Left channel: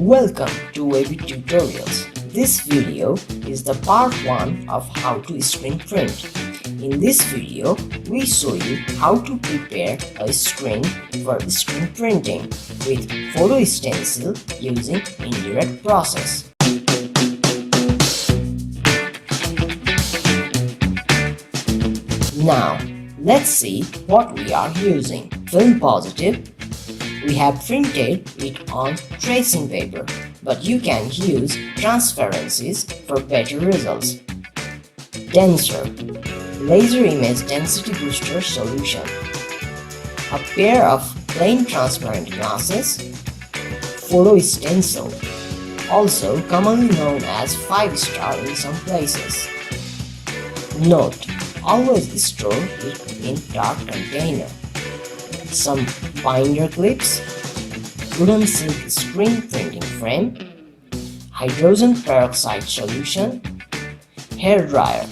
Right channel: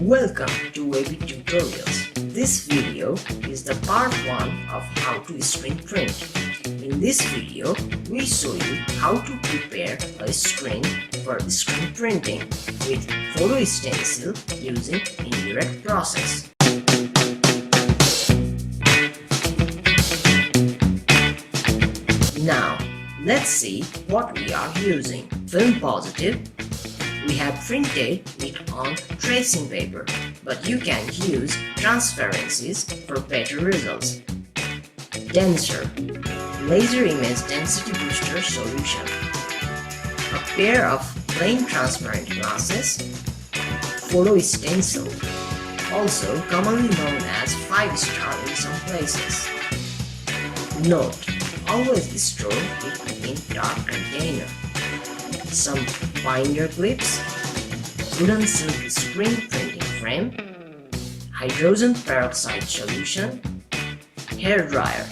Welcome to Webby Tutorials. This video is the part 1 of how to screen print. In this video, we show you how to prepare a screen for screen printing with photo stencil using indirect process. Now, let's see what we are using. Film positive. We have printed it on tracing paper, but you can use transparencies for better results. Denser, laser image density booster solution. A pair of plain transparent glasses. Photo stencil, also commonly known as 5-star in some places. Note, always store it in dark container. Some binder clips, wooden silk screen printing frame, hydrogen peroxide solution, hair dryer,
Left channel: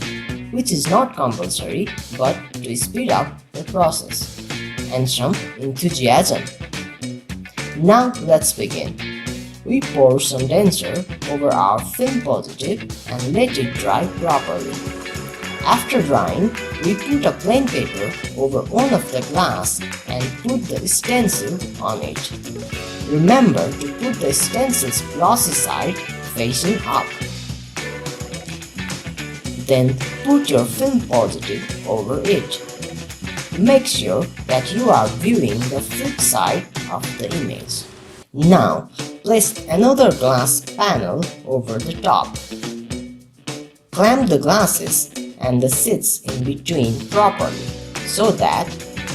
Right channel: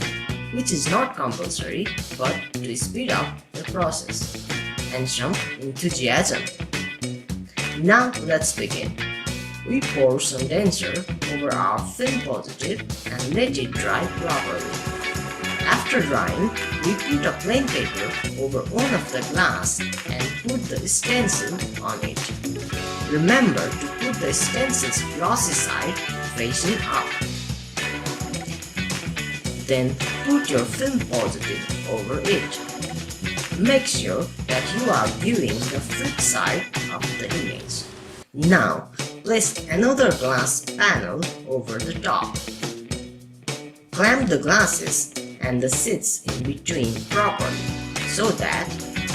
which is not compulsory but to speed up the process, and some enthusiasm. Now let's begin. We pour some denser over our film positive and let it dry properly. After drying, we put a plain paper over one of the glass and put the stencil on it. Remember to put the stencil's glossy side facing up. Then put your film positive over it. Make sure that you are viewing the flip side of the image. Now, place another glass panel over the top. Clamp the glasses and the seats in between properly so that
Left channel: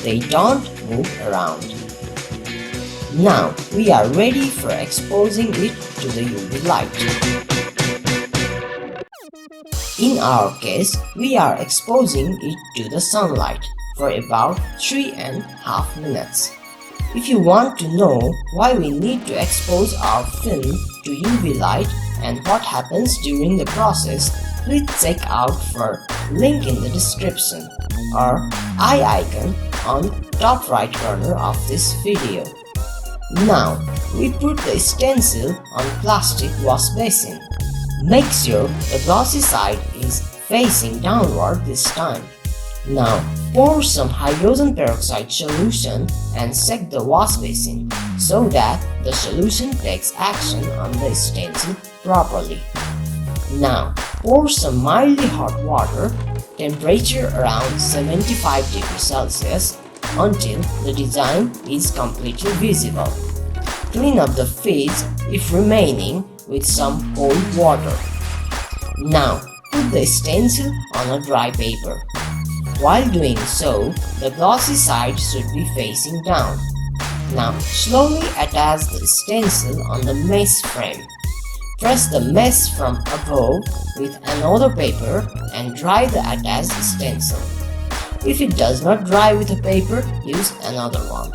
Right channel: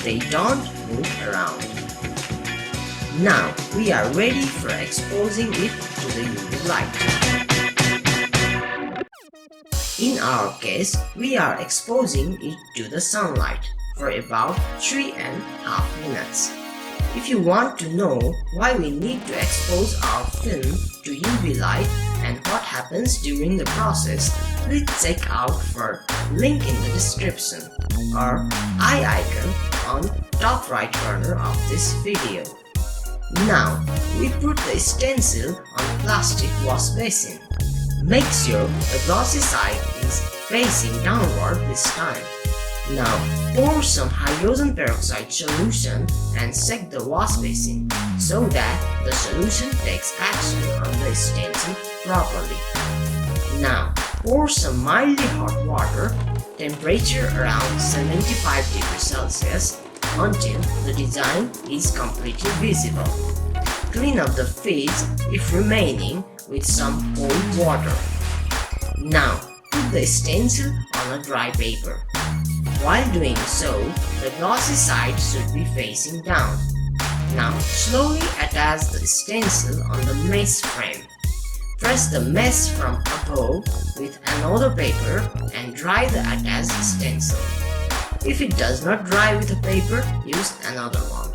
they don't move around. Now we are ready for exposing it to the UV light. In our case, we are exposing it to the sunlight for about 3.5 minutes. If you want to know why we need to expose our film to UV light and what happens during the process, please check out for link in the description or eye icon on top right corner of this video. Now, we put the stencil on plastic wash basin. Make sure the glossy side is facing downward this time. Now, pour some hydrogen peroxide solution and shake the wash basin so that the solution takes action on the stencil properly. Now, pour some mildly hot water, temperature around 75 degrees Celsius, until the design is completely visible. Clean up the face if remaining with some cold water. Now, put the stencil on a dry paper. While doing so, the glossy side should be facing down. Now, slowly attach the stencil on the mesh frame. Press the mesh from above with another paper and dry the attached stencil. If it does not dry with a paper, use another one.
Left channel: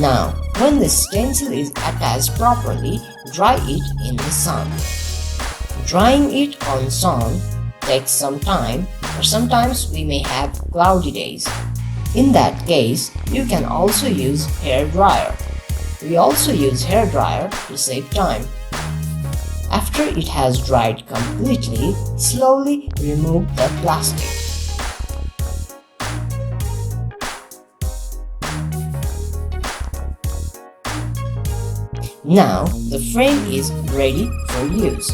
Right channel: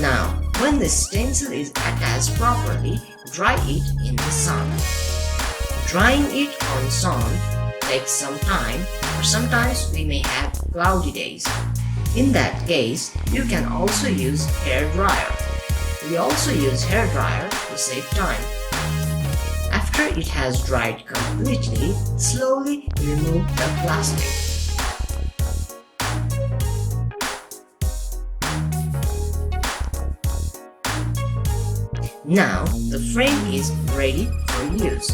Now, when the stencil is attached properly, dry it in the sun. Drying it on sun takes some time, or sometimes we may have cloudy days. In that case, you can also use hair dryer. We also use hair dryer to save time. After it has dried completely, slowly remove the plastic. Now the frame is ready for use.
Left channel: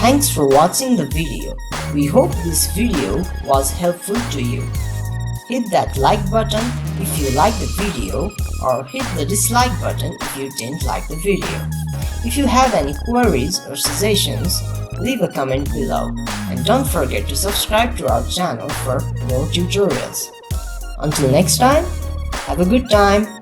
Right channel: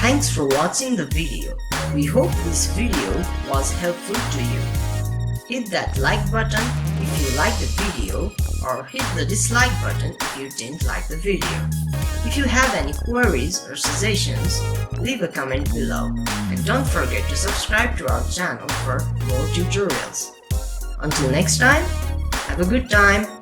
Thanks for watching the video. We hope this video was helpful to you. Hit that like button if you like the video or hit the dislike button if you didn't like the video. If you have any queries or suggestions, leave a comment below and don't forget to subscribe to our channel for more tutorials. Until next time, have a good time.